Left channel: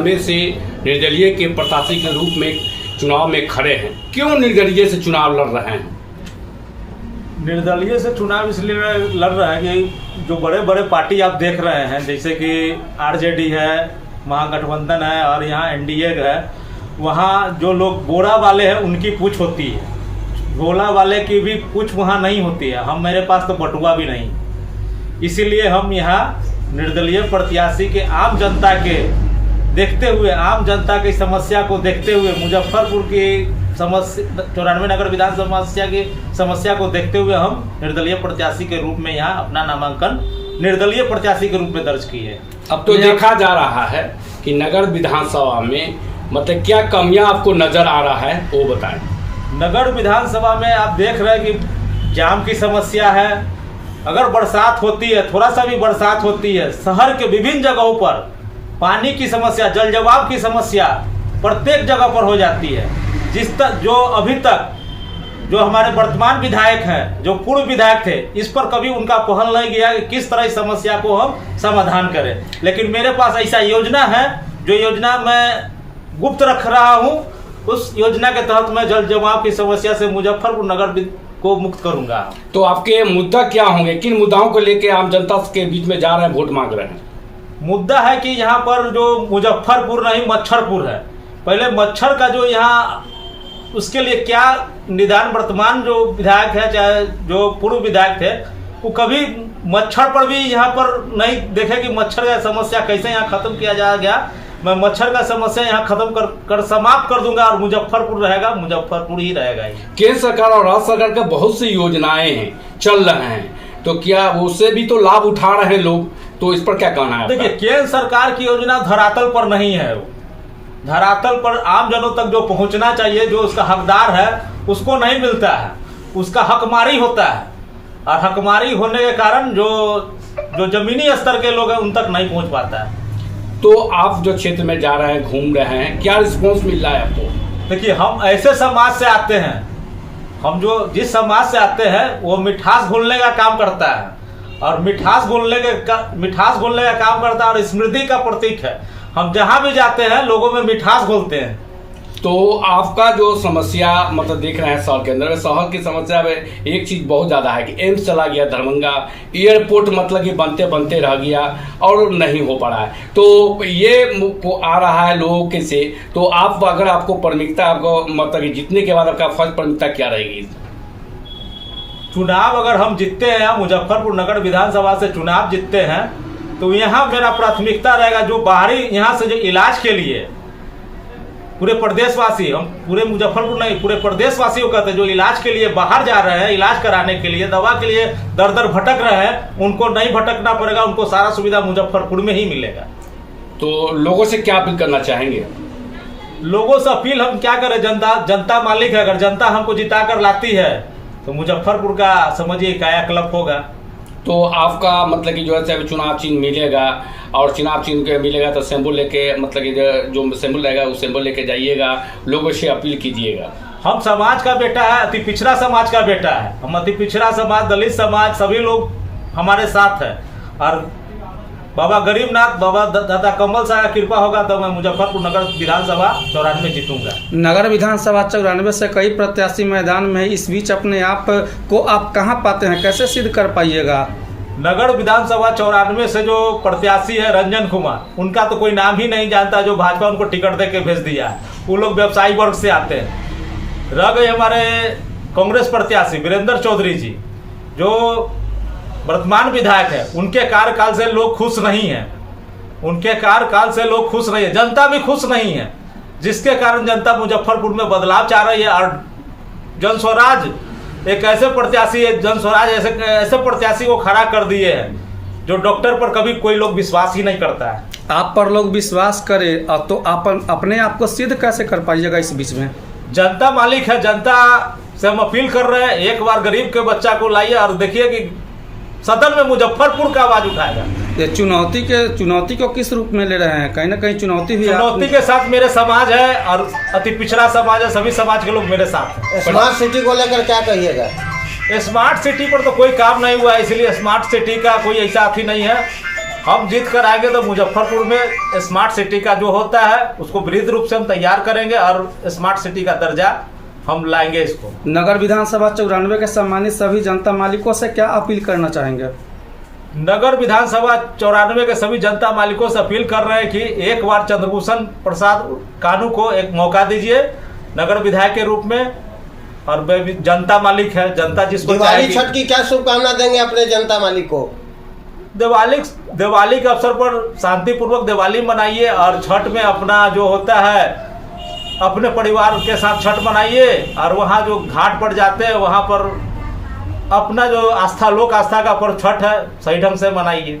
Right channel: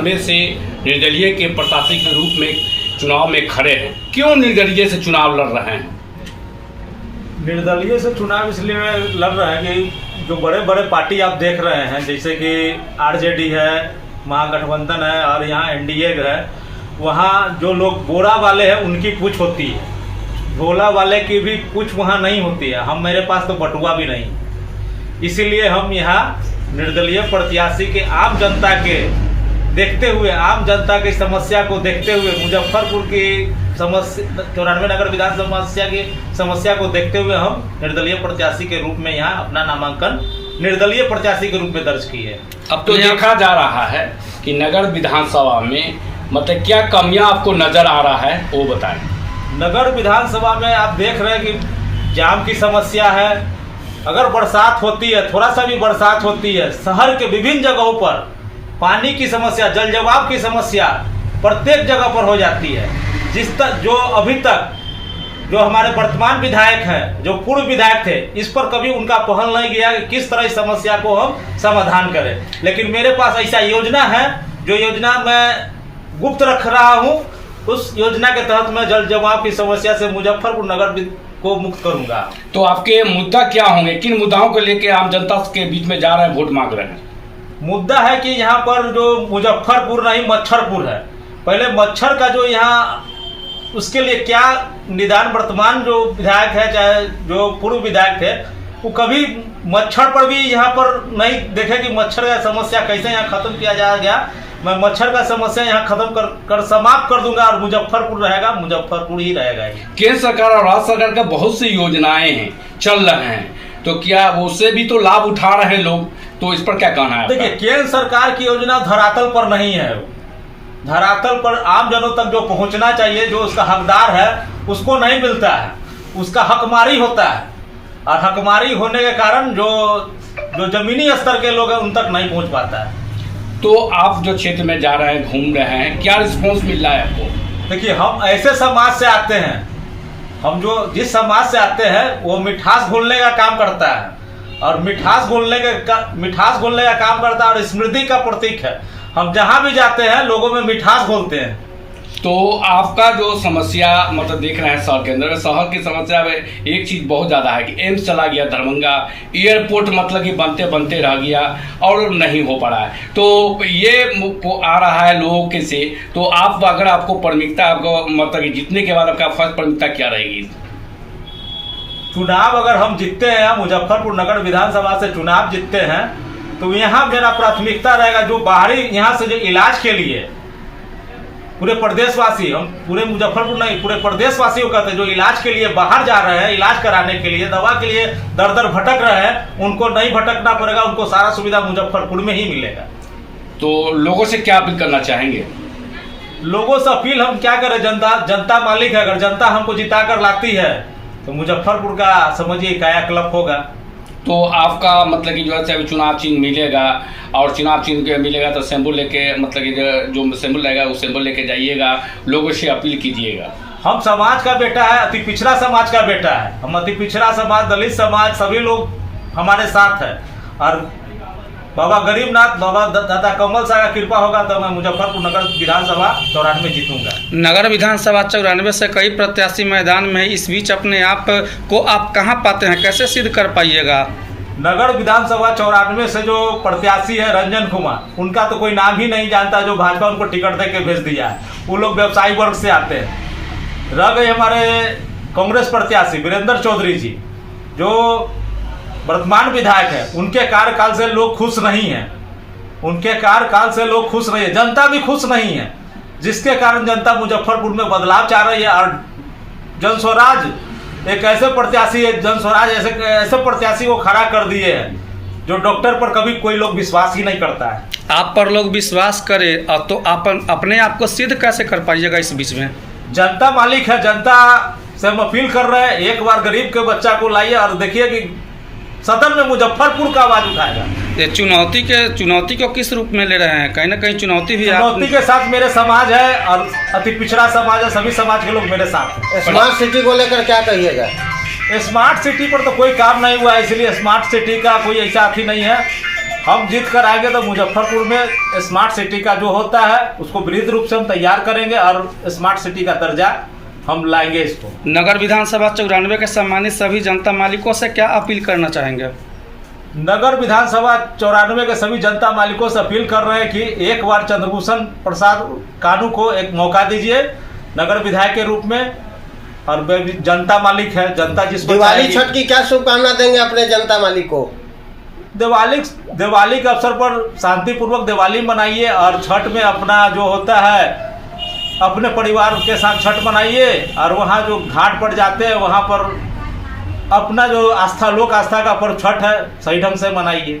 में से निर्दलीय के प्रत्याशी के रूप में चुनाव में खड़े हैं, क्यों निर्दलीय से चुनाव लड़ रहे हैं? निर्दलीय से चुनाव इसलिए लड़ रहे हैं कि जो बड़े बड़े पार्टी आप देख रहे हैं, जैसे कि आरजेडी है, महागठबंधन है और यहाँ एनडीए है, वहाँ जो लोग बोरा वाले हैं उनकी पूछ होती है, भोला वाले की भी पूछ वहाँ नहीं होती है। मेरे पास तो बटुआ भी नहीं, इसीलिए हम यहाँ निर्दलीय प्रत्याशी के आम जनता के देखते हुए, आम जनता की समस्या को देखते हुए, मुजफ्फरपुर की समस्या 94 नगर विधानसभा की समस्या को देखते हुए हम निर्दलीय प्रत्याशी के रूप में यहाँ अपना नामांकन निर्दलीय प्रत्याशी के रूप में दर्ज किए। अब तो देखा जा रहा है कि नगर विधानसभा में मतलब क्या कमियां आपको नजर आ रहा है, वो बताएं। नगर विधानसभा में आप देख रहे हैं कि जाम की समस्या है। अगर बरसात होती है, थोड़ा सा भी बरसात होती है, शहर के विभिन्न जगहों पर पानी की समस्या, जल जवाब की समस्या प्रत्येक जगह पर हो जाती है। जो अभी तक जो हमारे वर्तमान विधायक हैं, जो पूर्व विधायक थे, इस पर कभी उनका पहल नहीं गया कि किस तरह इस समस्या को हम समाधान करें। लेकिन मेरे पास ऐसा योजना है, जो योजना मैं गुप्त रख रहा हूँ। उस योजना के तहत मैं जल जमाव की समस्या से मुजफ्फरपुर नगर को मुक्त करूंगा। तो आपके मुद्दा क्या होंगे, किन मुद्दाओं को लेकर आम जनता के बीच में जा रहे हैं, वोट मांग रहे हैं? मुद्दा है कि यहाँ पर जो मुजफ्फरपुर नहीं मच्छरपुर है, पहले मच्छर का जो यहाँ, उसके लिए क्या निदान वर्तमान जो विधायक है, चाहे जो पूर्व विधायक थे, वो कभी मच्छर पर भी यहाँ पर नहीं देखे कि मच्छर का समस्या कैसे यहाँ खत्म किया जाएगा। मैं मच्छर का समस्या यहाँ खत्म कर समाप्त कर दूंगा और मुजफ्फरपुर रहेगा, मुजफ्फरपुर ही रहेगा। केंद्र सरकार और राज्य सरकार का बहुत सी योजनाएं हैं, चल रहे हैं, तो क्या उससे भी तो लाभ उठा रहे हैं लोग, तो इस पर क्या कहना है? देखिए, केंद्र सरकार की योजना धरातल पर नहीं है। धरातल पर आम जनों तक जो पहुंचना चाहिए, जो उसका हकदार है, उसको नहीं मिलता है। उसका हकमारी होता है और हकमारी होने के कारण जो जमीनी स्तर के लोग हैं उन तक नहीं पहुंच पाता है। तो आप जो क्षेत्र में जा रहे हैं, घूम रहे हैं, क्या रिस्पॉन्स मिल रहा है आपको? देखिए, हम ऐसे समाज से आते हैं, हम जो जिस समाज से आते हैं वो मिठास घोलने का काम करता है और मिठास घोलने का काम करता है और स्मृति का प्रतीक है। हम जहाँ भी जाते हैं लोगों में मिठास घोलते हैं। तो आपका जो समस्या मतलब देख रहे हैं शहर के अंदर, शहर की समस्या में एक चीज बहुत ज्यादा है कि एम्स चला गया दरभंगा, एयरपोर्ट मतलब कि बनते बनते रह गया और नहीं हो पा रहा है। तो ये आ रहा है लोगों के से, तो आप अगर आपको प्राथमिकता, आपको मतलब कि जीतने के बाद आपका फर्स्ट प्राथमिकता क्या रहेगी? चुनाव अगर हम जीतते हैं, मुजफ्फरपुर नगर विधानसभा से चुनाव जीतते हैं, तो यहाँ मेरा प्राथमिकता रहेगा जो बाहरी यहाँ से जो इलाज के लिए पूरे प्रदेशवासी, हम पूरे मुजफ्फरपुर नहीं, पूरे प्रदेशवासियों कहते हैं, जो इलाज के लिए बाहर जा रहे हैं, इलाज कराने के लिए, दवा के लिए दर दर भटक रहे हैं, उनको नहीं भटकना पड़ेगा, उनको सारा सुविधा मुजफ्फरपुर में ही मिलेगा। तो लोगों से क्या अपील करना चाहेंगे? लोगों से अपील हम क्या करें, जनता मालिक है। अगर जनता हमको जिता कर लाती है तो मुजफ्फरपुर का समझिए कायाकल्प होगा। तो आपका मतलब कि जो है चुनाव चिन्ह मिलेगा और चुनाव चिन्ह के मिलेगा तो सिंबल लेके, मतलब कि जो सिंबल रहेगा वो सिंबल लेके जाइएगा, लोगों से अपील कीजिएगा। हम समाज का बेटा है, अति पिछड़ा समाज का बेटा है। हम अति पिछड़ा समाज, दलित समाज, सभी लोग हमारे साथ है और बाबा गरीबनाथ, बाबा दादा कमल शाह का कृपा होगा तो मैं मुजफ्फरपुर नगर विधानसभा 94 जीतूंगा। नगर विधानसभा 94 से कई प्रत्याशी मैदान में है, इस बीच अपने आप को आप कहां पाते हैं, कैसे सिद्ध कर पाइएगा? नगर विधानसभा 94 से जो प्रत्याशी है रंजन कुमार, उनका तो कोई नाम ही नहीं जानता, जो भाजपा उनको टिकट दे के भेज दिया है। वो लोग व्यवसायी वर्ग से आते हैं। रह गए हमारे कांग्रेस प्रत्याशी वीरेंद्र चौधरी जी, जो वर्तमान विधायक है, उनके कार्यकाल से लोग खुश नहीं हैं। उनके कार्यकाल से लोग खुश नहीं है, जनता भी खुश नहीं है, जिसके कारण जनता मुजफ्फरपुर में बदलाव चाह रही है। और जन स्वराज एक ऐसे प्रत्याशी है, जन स्वराज ऐसे प्रत्याशी को खड़ा कर दिए हैं जो डॉक्टर पर कभी कोई लोग विश्वास ही नहीं करता है। आप पर लोग विश्वास करें तो आप अपने आप को सिद्ध कैसे कर पाइएगा? इस बीच में जनता मालिक है, जनता से हम अपील कर रहे हैं, एक बार गरीब के बच्चा को लाइए और देखिए कि सदन में मुजफ्फरपुर का आवाज उठाएगा। ये चुनौती को किस रूप में ले रहे हैं? कहीं ना कहीं चुनौती भी, चुनौती के साथ मेरे समाज है और अति पिछड़ा समाज है, सभी समाज के लोग मेरे साथ हैं। स्मार्ट सिटी को लेकर क्या कहिएगा? स्मार्ट सिटी पर तो कोई काम नहीं हुआ है, इसलिए स्मार्ट सिटी का कोई ऐसा अथी नहीं है। हम जीत कर आएंगे तो मुजफ्फरपुर में स्मार्ट सिटी का जो होता है उसको विधिक रूप से हम तैयार करेंगे और स्मार्ट सिटी का दर्जा हम लाएंगे इसको। नगर विधानसभा 94 के सम्मानित सभी जनता मालिकों से क्या अपील करना चाहेंगे? नगर विधानसभा 94 के सभी जनता मालिकों से अपील कर रहे हैं कि एक बार चंद्रभूषण प्रसाद कानू को एक मौका दीजिए नगर विधायक के रूप में। और वे भी जनता मालिक है, जनता जिसको दिवाली चाहेगी। छठ की क्या शुभकामना देंगे अपने जनता मालिक को? दिवाली के अवसर पर शांतिपूर्वक दिवाली मनाइए और छठ में अपना जो होता है अपने परिवार के साथ छठ मनाइए और वहाँ जो घाट पर जाते हैं वहाँ पर अपना जो आस्था लोक आस्था का पर्व छठ है सही ढंग से मनाइए।